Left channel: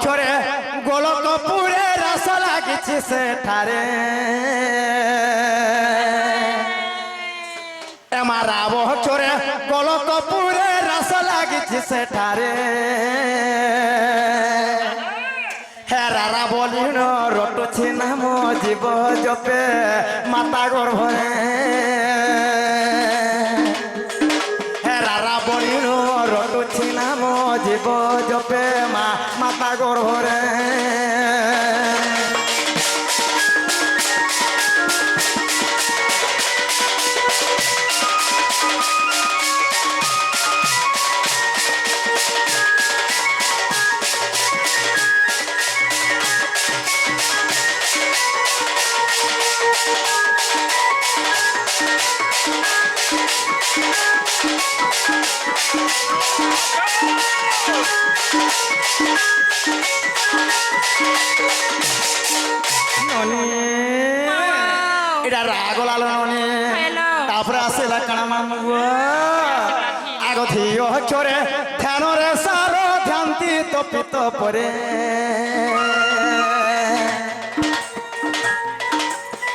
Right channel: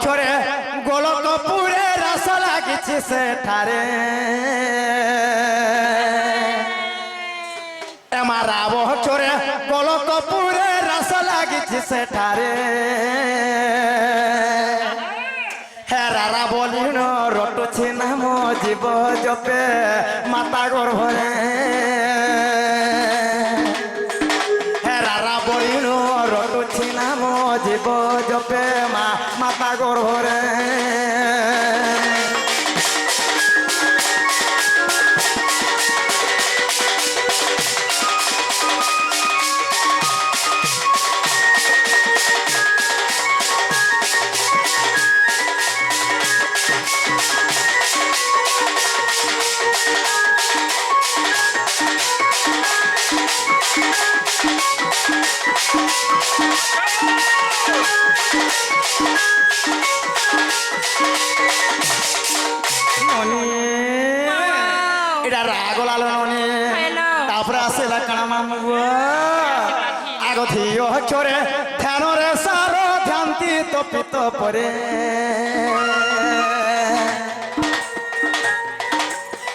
ବଛରେ ଗୋଲକପୁରେ ରାସ ଲାଗିଛି ସେଠାରେ ଏମାରା ବଛରେ ଗୋଲକପୁରେ ରାସ ଲାଗିଛି ସେଠାରେ হেরারা বলিন রটুছি নাম জীব জপে মাতা গর্ভরে হেরারা বলিন রটুছি নাম জীব জপে মাতা গর্ভরে এটা রাগ লাল ননি তারপরে আসিলা কানা মামু আগ ধিও চরে ধ্যানরে সার ধ্যান্তি তপিত পরে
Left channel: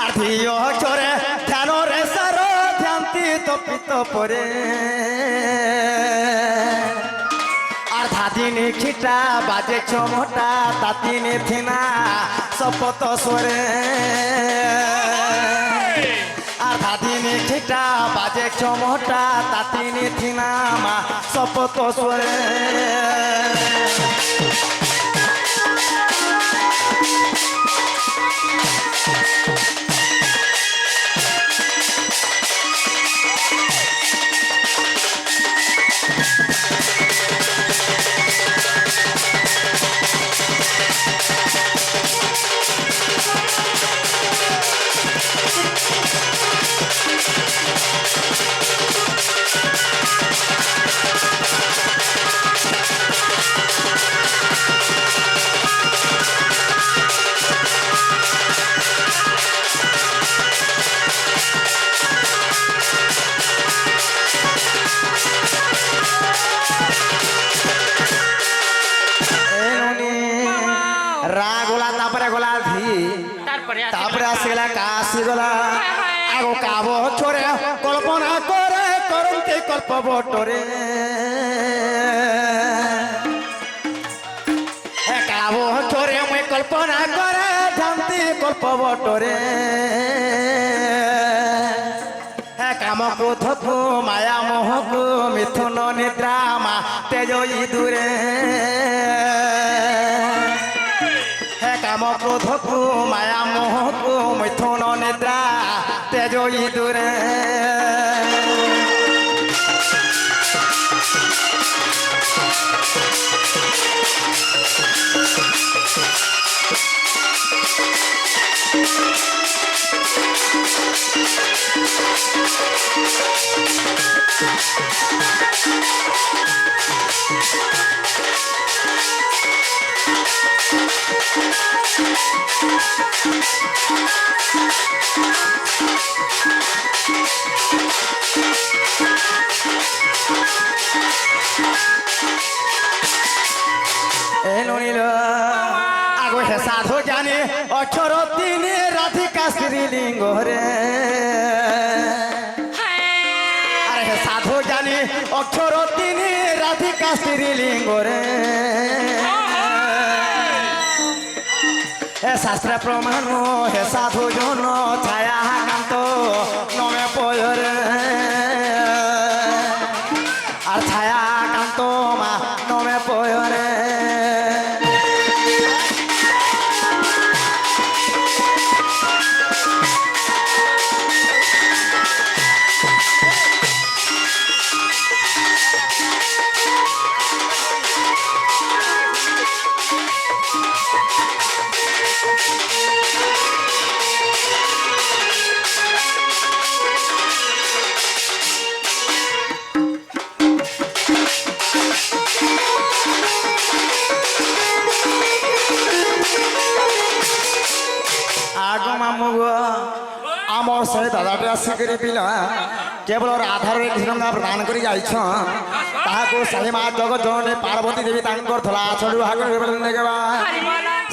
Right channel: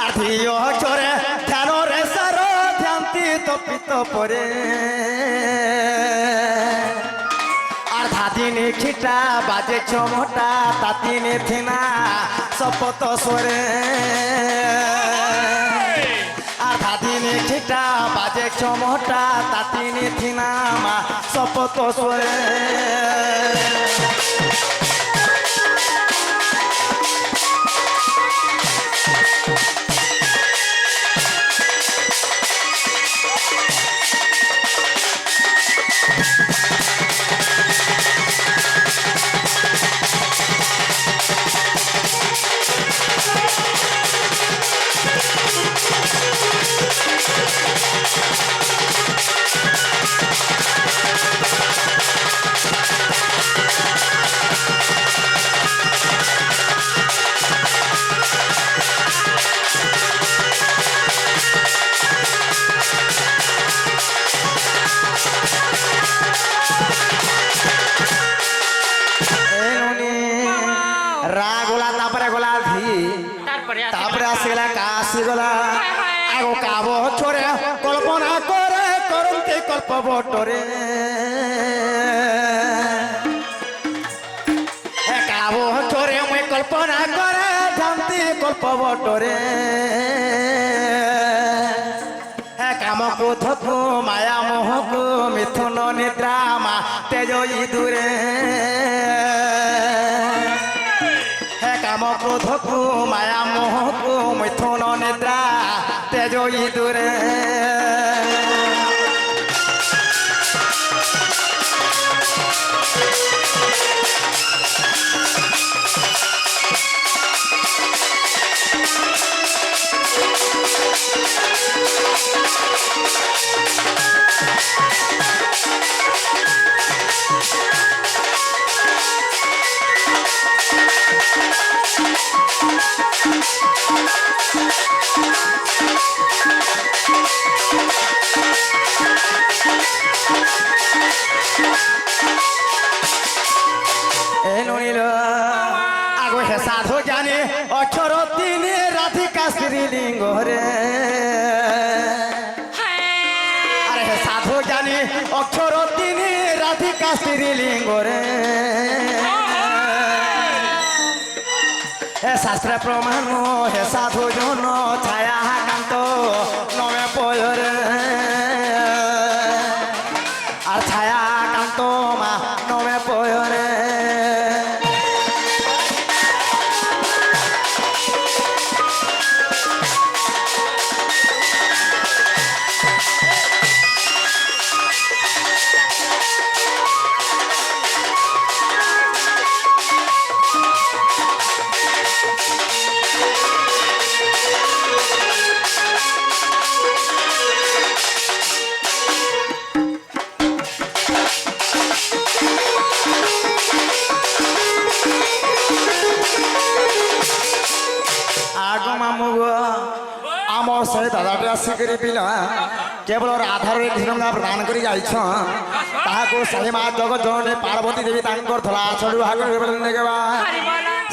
আর ধিও চরে ধ্যানরে সার ধ্যান্তি তপিত পরে আর ধাদিনী খিটা বাজে চমটা তাতিনি থিনা শপথ সরে আর ধাদিনী খিটা বাজে চমটা তাতিনি থিনা মা শপথ সরে তারপরে আসিলা কাশি গলা আগ কাব চরে কল্পনা করে করন্তি কল্প বটরে কাব চরে মুই কল্পনা করে ধান্তি কল্প বটরে কাম ক্রোধকু মায়া মোহকু মিথুন নিদ্রা মা তেজ ইদুরে কাম ক্রোধকু মায়া মোহকু মিথুন নিদ্রা তেজ ইদুরে সাধু জানি অক্ষর তিনি রাধিকা শ্রীলিঙ্গ রে আরে সাধু জানি অক্ষর তিনি রাধিকা শ্রীলিঙ্গ রে হে শাস্ত্র প্রমাণ হে সাধু জন ছায়া কান্ত নমে পয়রে আর ছায়া কান্ত মা নমে পয়রে आम से दादाटे आसिक पिला केवल राधार ढिरंगा प्रदान कर शाही माँ जगत जननी पार्वती देवी धला छड़ू भाग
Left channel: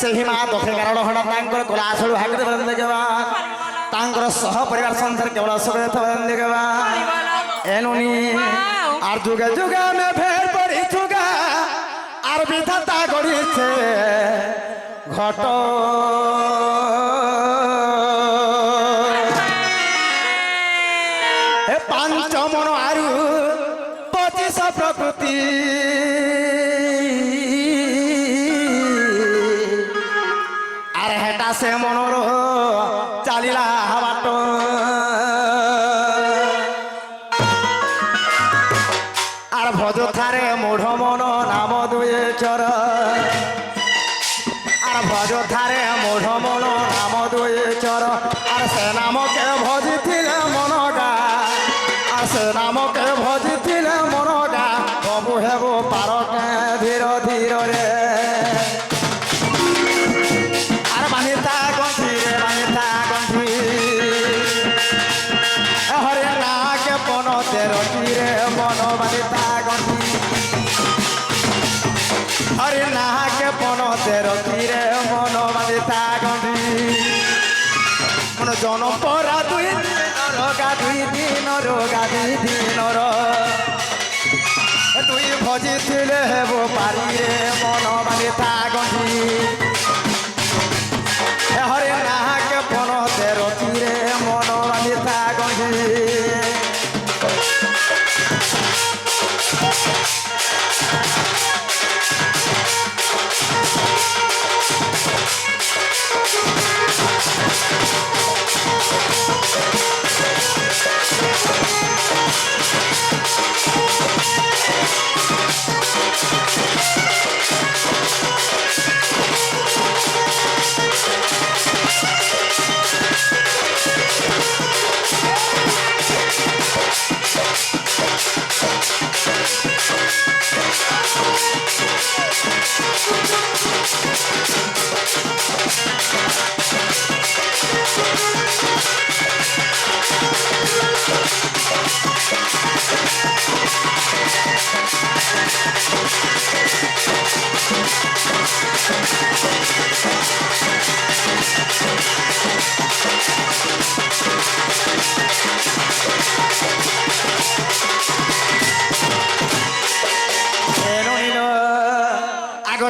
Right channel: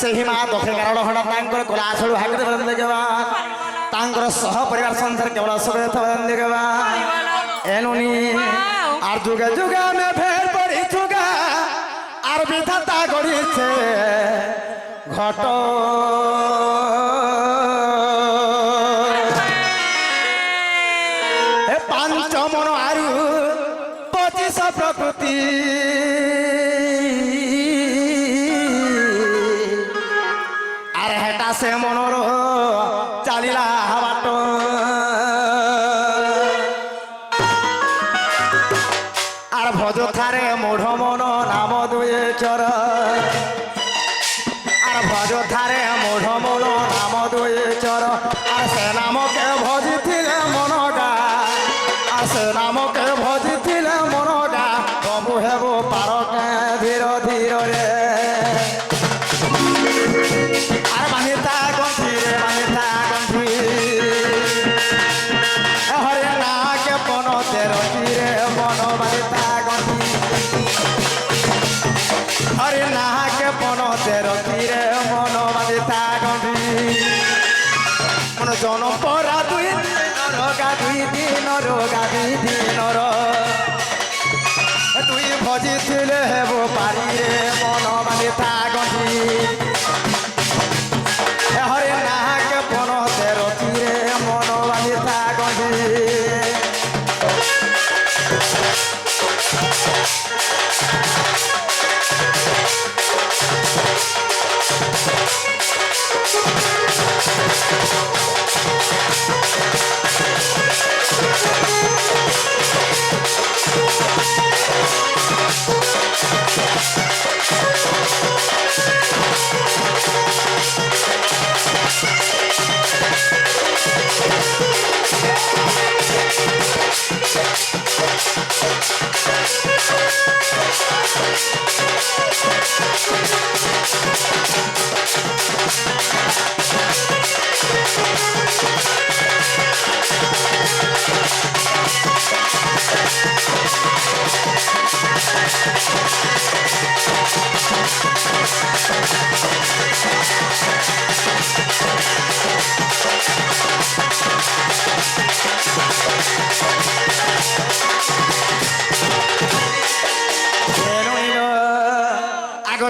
ସେହି ମା ଦକ୍ଷିଣ କାରଣ ହଣା ତାଙ୍କର କଲା ଛଳୁ ଭାଗରେ ଦେଖବା ତାଙ୍କର ସହ ପରିବାର ସଂସାର କେବଳ ସୁଖ ଦେଖବା এনুনি আর যুগে যুগে আমি ফের পড়ি যুগা আর বিধাতা গড়িছে ঘট এ পাঞ্চ মন আরু 25 প্রকৃতি আর হেটা সে মনর চালিলা বাট ভজ থারে মূঢ় মন নাম দুয়ে চর আর ভজ থারে মূঢ় মন নাম দুয়ে চর আর সে নামকে ভজিলে মন গা আর সে নামকে ভজিলে মন গা প্রভু হেব পারকে ধীর ধীর রে আর বানিতা গন্থি রে বানিতা গন্থি হরে নাকে পন তের তীরে মন বানিতা হরে নাকে পন তের তীরে মন বাঁধিতা গন্ধি মন জন পরা 2 দিনর গা 2 দিনর গা 2 দিনর তুই ভজিলে হেব পারি রে মন বাঁধিতা গন্ধি হরে নাকে পন তের তীরে মন বাঁধিতা গন্ধি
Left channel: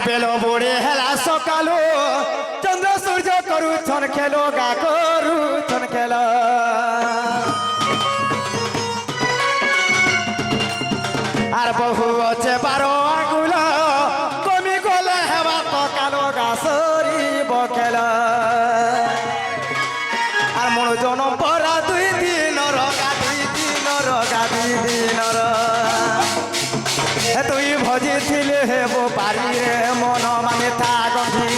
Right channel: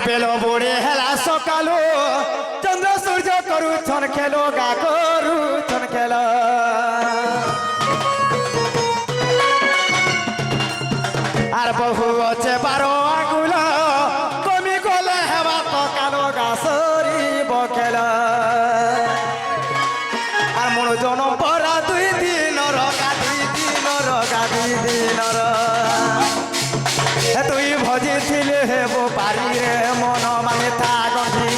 বেল বুড়ে হেলা সকালু চন্দ্র সূর্য করুছন খেলো গা করুছন খেল আর বহু আছে 12 আঙ্গুল কমি গলে হেবা তো কালো গা সরিব খেল আর মন জন পরা 2 দিনর গা 2 দিনর গা 2 দিনর তুই ভজিলে হেব পারি রে মন বাঁধিতা গন্ধি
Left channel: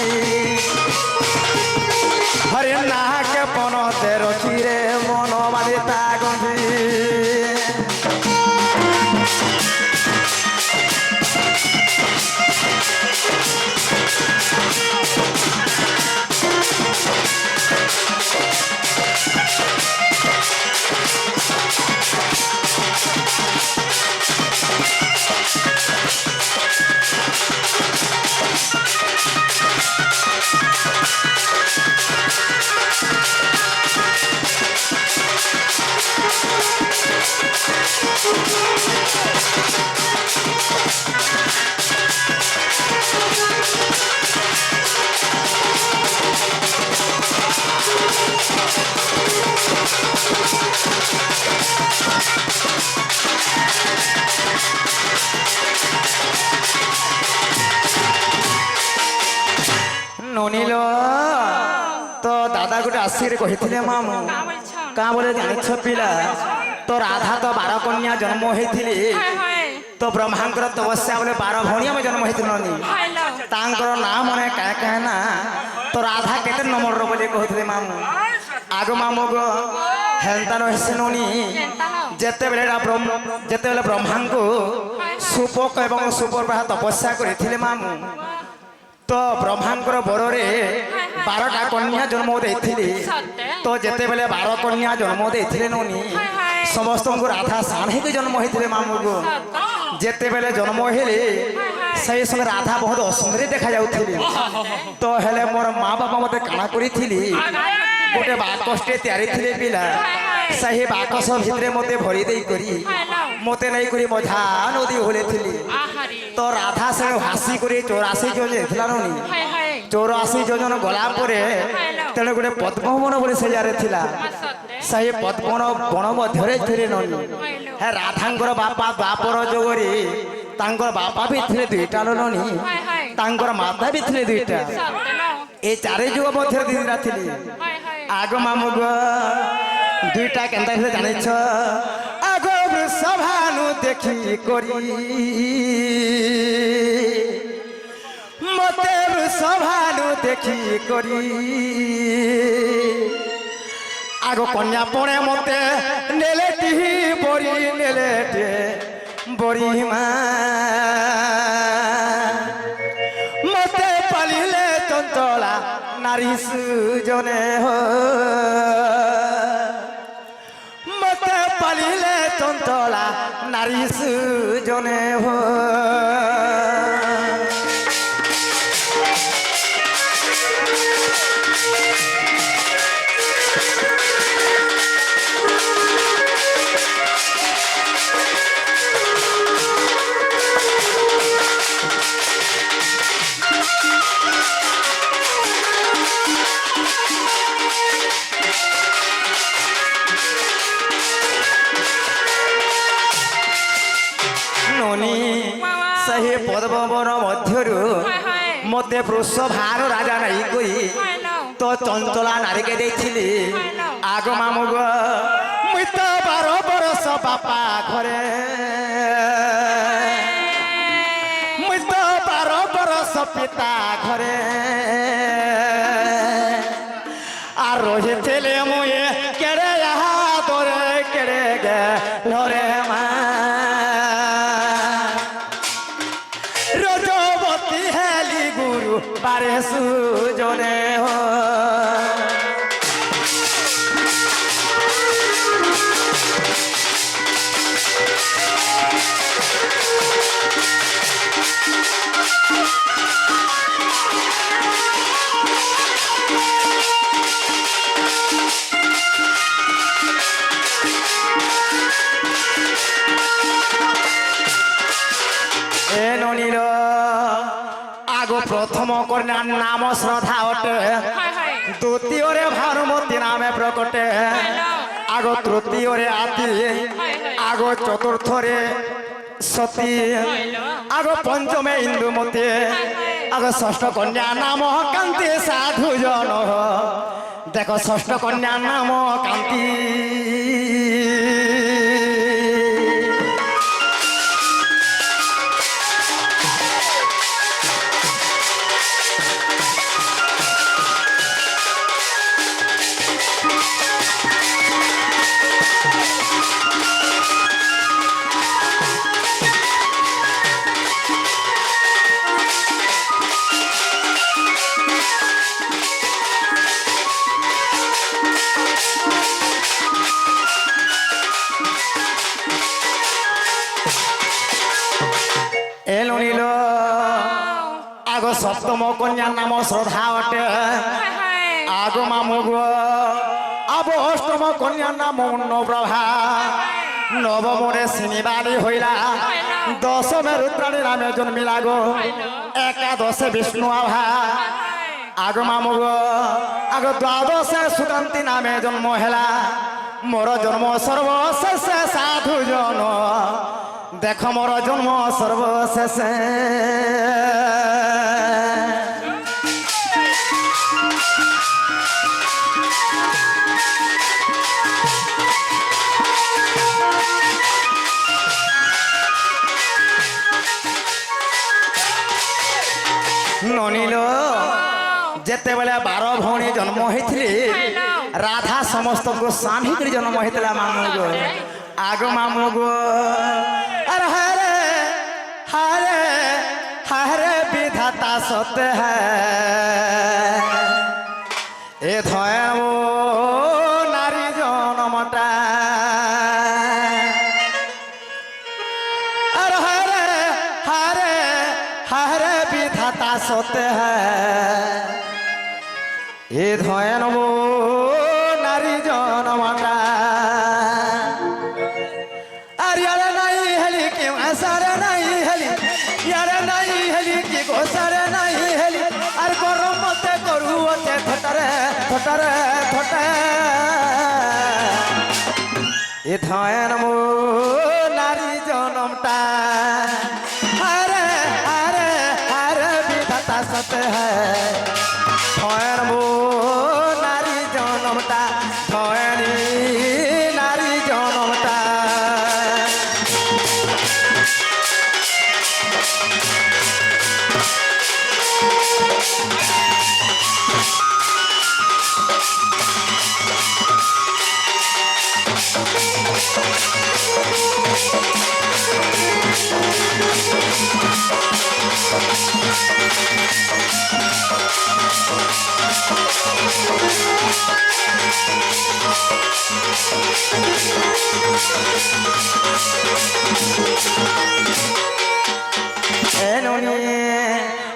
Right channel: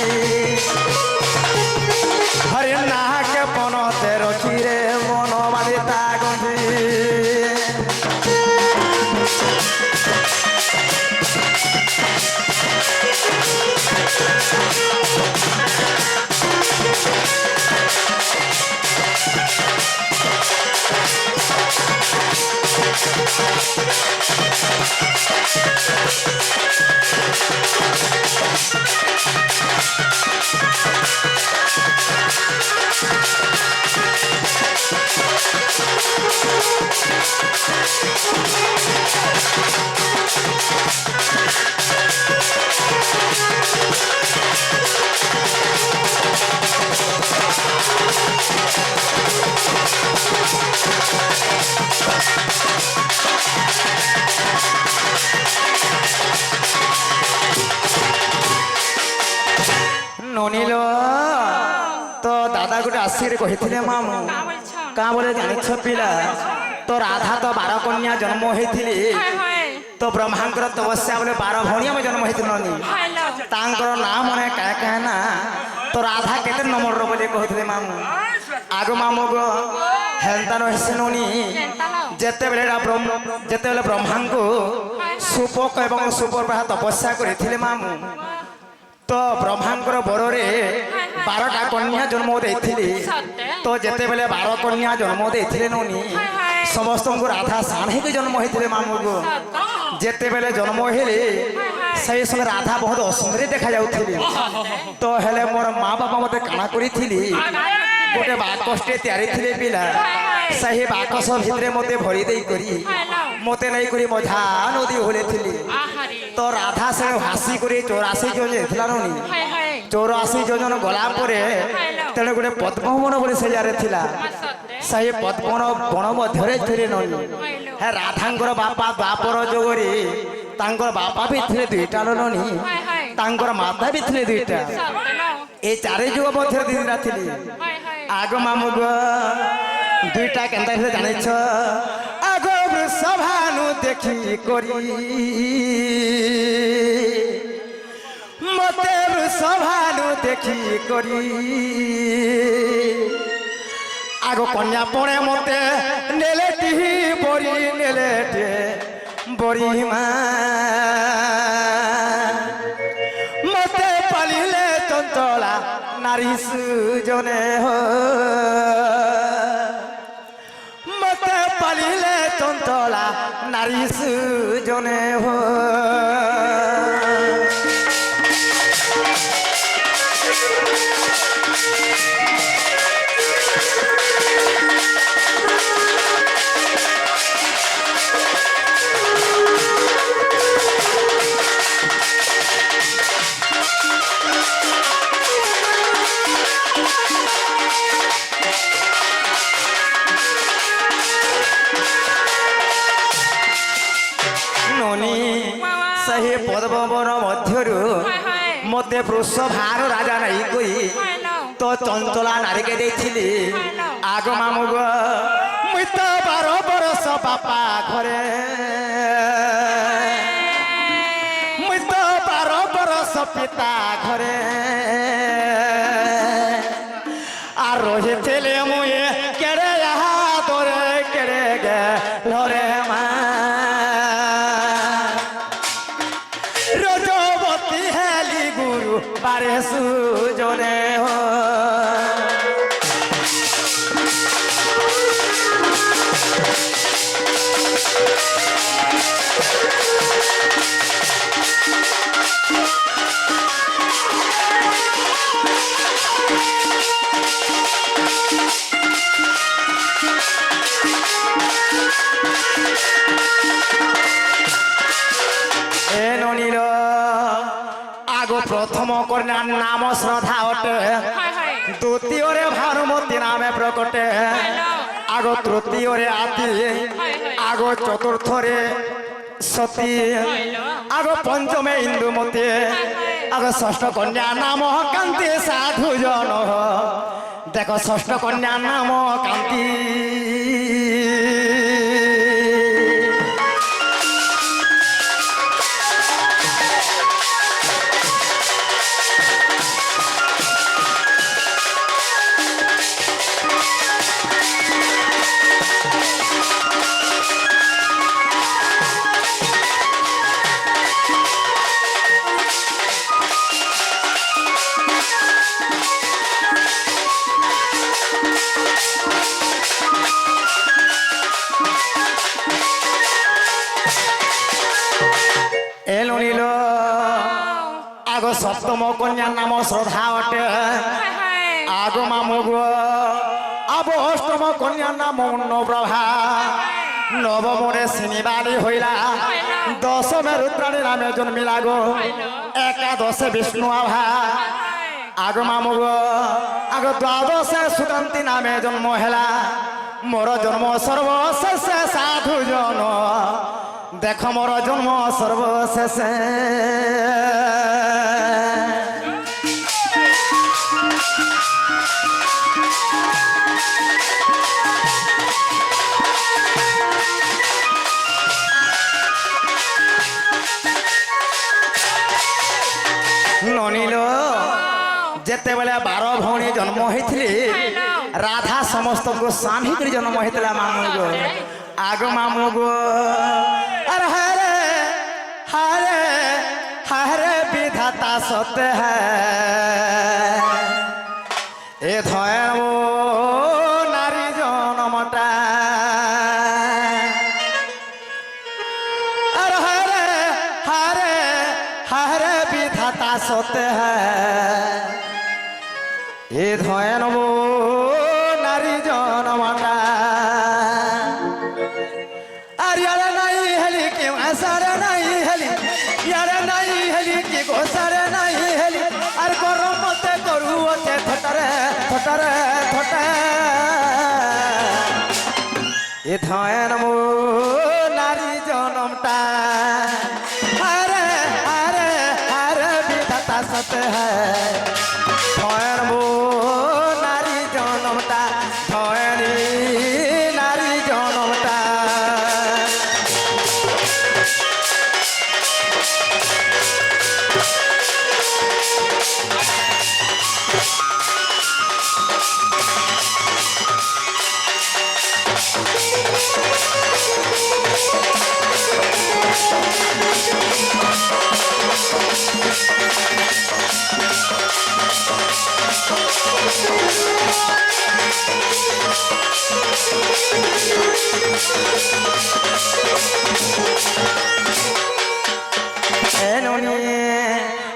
হরে নাকে পন তের তীরে মন বাঁধিতা গন্ধি ননিল তো দাদা গোটে আসিরে কহিলে মামু কা বলে জানিছ পিলা তো রাধা তো 12 কন্যা জন্ম হয়েছিলি তো ব্রহ্মাঙ্কর তপস্যা বলে 12 ভণী আমি জন্ম হয়েছিল ননি তাঙ্কর নাম মনে কায় কায় না তো রাধা কেতে নম্বর বলে কহিলে মামু আগ মামু গো হেলতানো হেসে ননি যেতেবেলে ব্রহ্মাঙ্ক সুপক এবং সুপর্বাহ তপস্যা করেছিলে মামু তো ব্রহ্মাঙ্কর বରରେ 12টা কন্যা জন্ম ଦେଇଥିଲେ তো যেতেবেলে 12 কন্যা জন্ম ଦେଇଥିଲେ ননি সমস্ত রাধা সাণ হয়ে জন্ম হয়েছিল মামু গো যেতেবেলে জন্ম হেলে সেই সময় রাধা বহুত অসুন্দরী দেখা যাউথিলি তো হেলে মোর মা বাবা মতে কানা করিথিলি গোটে বাকসটে তৈরি থিলে পিলা সেই বাকস ভিতরে মতে ভরি দেই করি মতে নাই করি মঝা নদী হলেথিলি তো রাধা সে হাসি করে 84 জন যেথিলা ননি 84 জন গলা পরে তেনে গোটে পদ্মবন বলে সে জারে থিলা সেই পদ্মবন বন মধ্যে ধরে ননি হ্যাঁ রাধাঙ্কর বাপা দ্বাপর যোগরে তাঙ্কর বাপা বি থিলে দুইটা ননি তাঙ্কর মাতা বি থিলে দুইটা এই চারি যুগ মধ্যে দিদিরা থিলি আগ মামু গো দুইটা কেনতা হলে জানিছ আগ সভানু দেখি করি মতে সভানু দেখি করি আগ কন্যা পড়ে মতে নেলেটি বড়ি নেলেটে বড়ি মা মতে পালিলে চঞ্চলা নারী সুজনে মতে পালিলে চঞ্চলা নারী সুজনে সেই পদ্মবন মধ্যরু মতে বৃষভার রাজা নাই কই তো চঞ্চলা নারীকে দেখছিলি আগ মামু গো মুই তো 12 বরষ বাপা ঘরে মুই তো 12 বরষ পিতা ঘরে আর রোহে ছেলে মুয়ে কেড়ে আহা তোরে কেড়ে গে লরে মা রজবতী হেলি গুরু বারে সুজনে প্রথম কন্যার নাম শ্রদ্ধা অটে দ্বিতীয়রে ভানুমতী নামে প্রকটে আগ তৃতীয়রে আতি আগ চতুর্থরে সতী আগ পঞ্চমে ইন্দুমতী আগ ষষ্ঠ কন্যা নাম কান্তি সাধু জন দেখো ষষ্ঠ কন্যা নাম কান্তি সপ্তম কন্যার নাম শ্রদ্ধা অটে আগ মামু গো আব অষ্টম কন্যার নাম অন্নপ্রভা নবমরে শনিবারী হইলা দশমে রুদ্রাণী নামে জন্মিলা গো একাদশে বিষ্ণু আভা আগ মামু গো আগ দ্বাদশে সুকান্তি নামে জন্ম হেলা মোর জন্ম সর্বশেষে সাধু জন দেখ মোর জন্ম সর্বশেষে ননিল যেতেবেলে 12 ভଉଣୀ জন্ম হয়েছিল রাধা সমস্ত স্বামী করে জন্ম হয়েছিল মামু গো আগ মামু গো আর হরে হরে হরে বিধাতা সত্য এ ধয় নারী জনমটা আর হরে হরে এ ধয় নব নারী জনমাতা আর ইয়ারে নাই হেলি কি আসারে নাই হেলি ইয়ারে নাই হেলি কি গোসারে নাই হেলি আর গরম মতে করু অতে থটারে থটারে থটা এ ধয় নব নারী জনমটা আরে আরে আরে বিধাতা সত হ্যায় ধয়নবো নারী জনমটা ধয়নি নারী জনমটা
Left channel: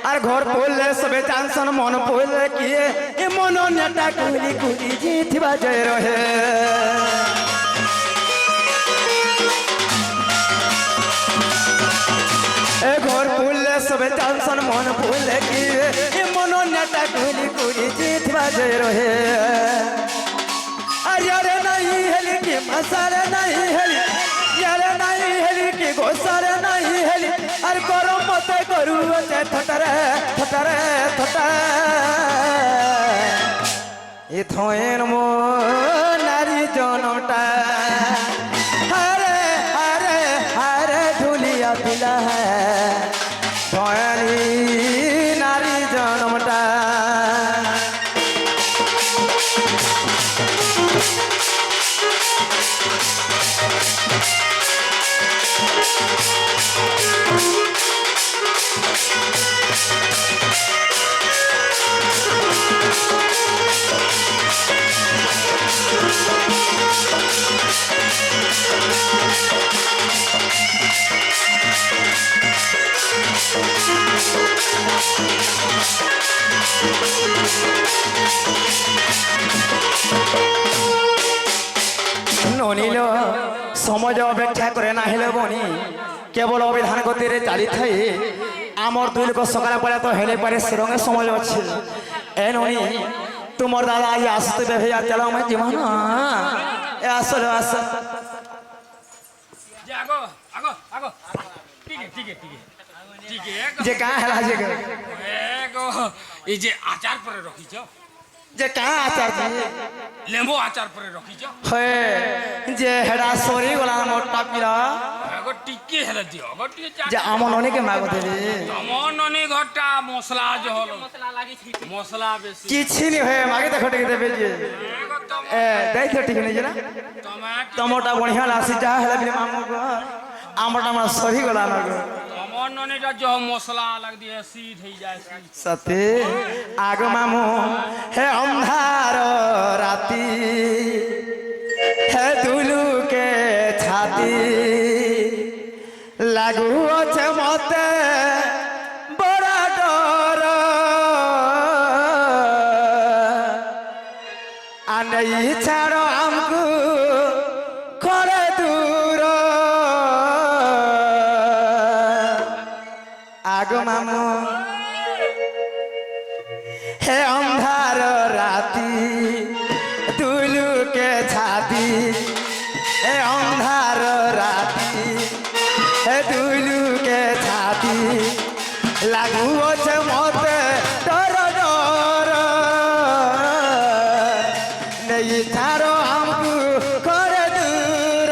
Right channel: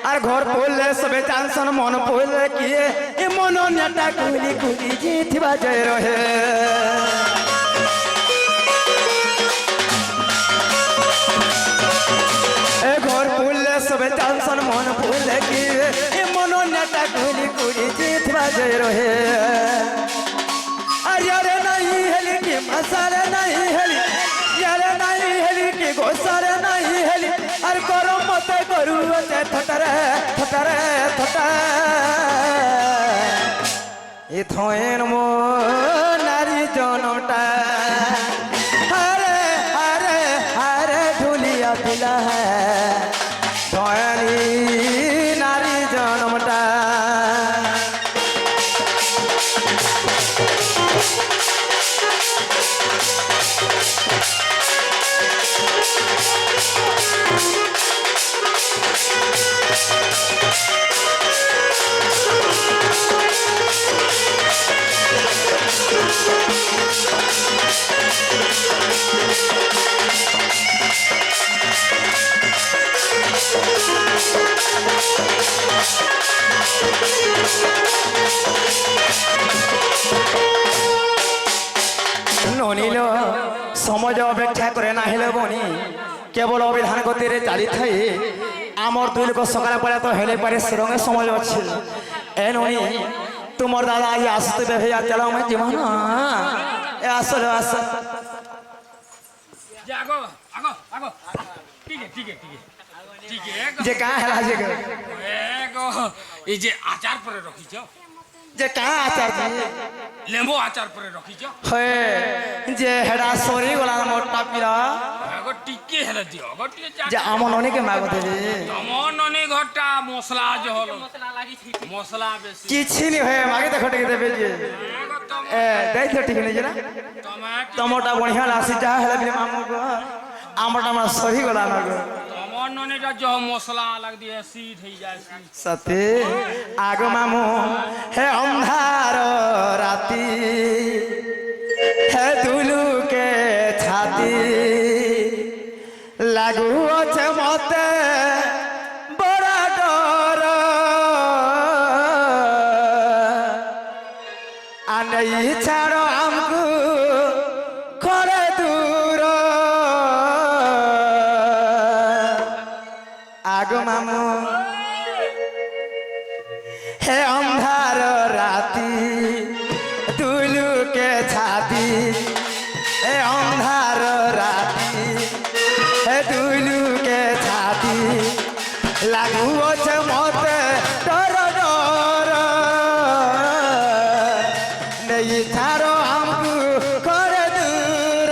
আর ঘর পড়লে সবে চানসন মন পড়লে কিয়ে এ মন নেটা কুলি কুলি জিথিবা জয় রহে এ ঘর পড়লে সবে চানসন মন পড়লে কিয়ে এ মন নেটা কুলি কুলি জিথিবা জয় রহে আর ইয়ারে নাই হেলি কি মসারে নাই হেলি ইয়ারে নাই হেলি কি গোসারে নাই হেলি আর গরম মতে করু অতে থটারে থটারে থটা এ ধয়েন মো নারী জনমটা আরে আরে আরে ঢুলিয়া পিলা ধয়নি নারী জনমটা ননিল সমাজ অপেক্ষা করে না হেলে বনি কেবল অবিধান গতিরে চালি থাই আমার দুই লোক সকালে পরে তো হেলে পারে সেরঙে সমাজ আছে এ ননি তোমার দাদা আজ আসতে বেভে আর চালাও আমি জীবন এ আসলে আস আগো আগো আগো ঠিক আছে ঠিক আছে ঠিক আছে যে কা হেলা যে এগো এই যে আচার পরে রখিছ যে কা আচার লেম্বু আচার পরে রখিছ হে যে হেডা সরি গলা মোটা পিলা আগো টিকে হেলা দিও আগো টিকে যে আমন অনেকে মাগো দেবে তমন ননি ঘরটা মশলা যে হলো মশলা লাগিছি মশলা বেশি কিছু নি হয়ে মাগে দেখো টিকে দেবে যে এগো তম এ দেখো ঠিক নেই না টমাটো টমোটা বঢ়িয়া লাসি যা হেলা বিলে মামু গো আমটা আমার সহি গলা না গো তমন ননিটা যে মশলা লাগ দিয়ে সিট হই যায় সতে আগ মামু হে অন্ধার রাতি হে দুলুকে ছাতি লাগু আছে মতে বড় ডর আনেই ছাড়ো আমকু করে দূর আগ মামু হে অন্ধার রাতি তুলুকে ছাতি হে অন্ধার রাতি হে তুলুকে ছাতি লাগু আছে মতে ডর ডর নেই ছাড়ো আমকু করে দূর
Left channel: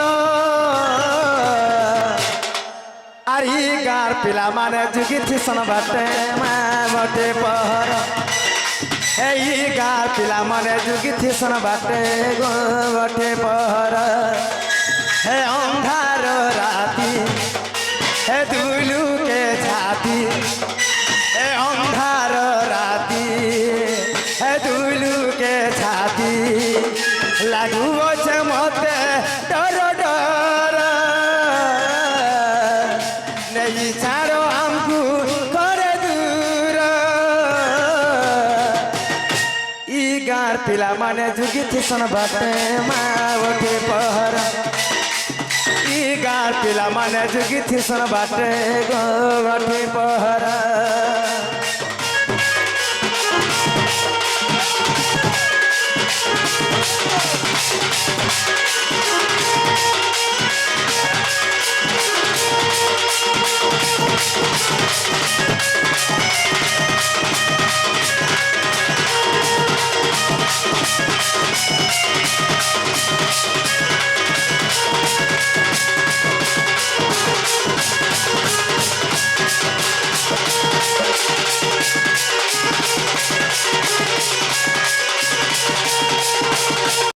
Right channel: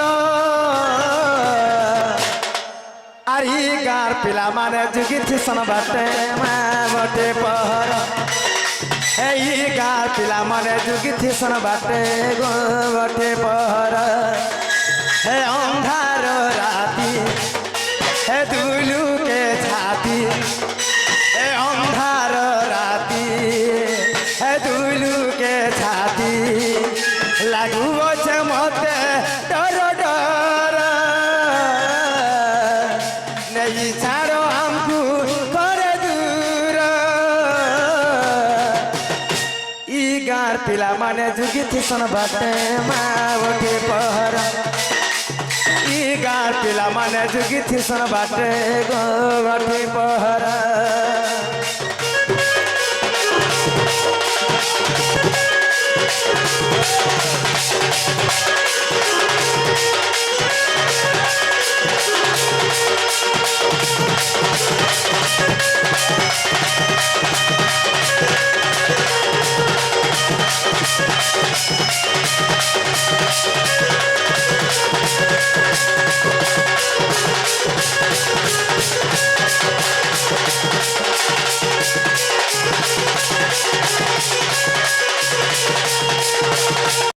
আর ই গার পিলা মানে যুগিছি সন বাটে মা বটে পহর এই গার পিলা মানে যুগিছি সন বাটে গো বটে পহর হে অন্ধার রাতি হে দুলুকে ছাতি হে অন্ধার রাতি হে দুলুকে ছাতি লাগু আছে মতে ডর ডর নেই ছাড়ো আমকু করে দূর ই ଗାଁର ପିଲାମାନେ ଯୁଗିଥିସନ୍ ବାଟେ ମା ଗୋଟିଏ ପହର ଇ ଗାଁର ପିଲାମାନେ ଯୁଗିଥିସନ୍ ବାଟେ ଗୋଟିଏ ପହର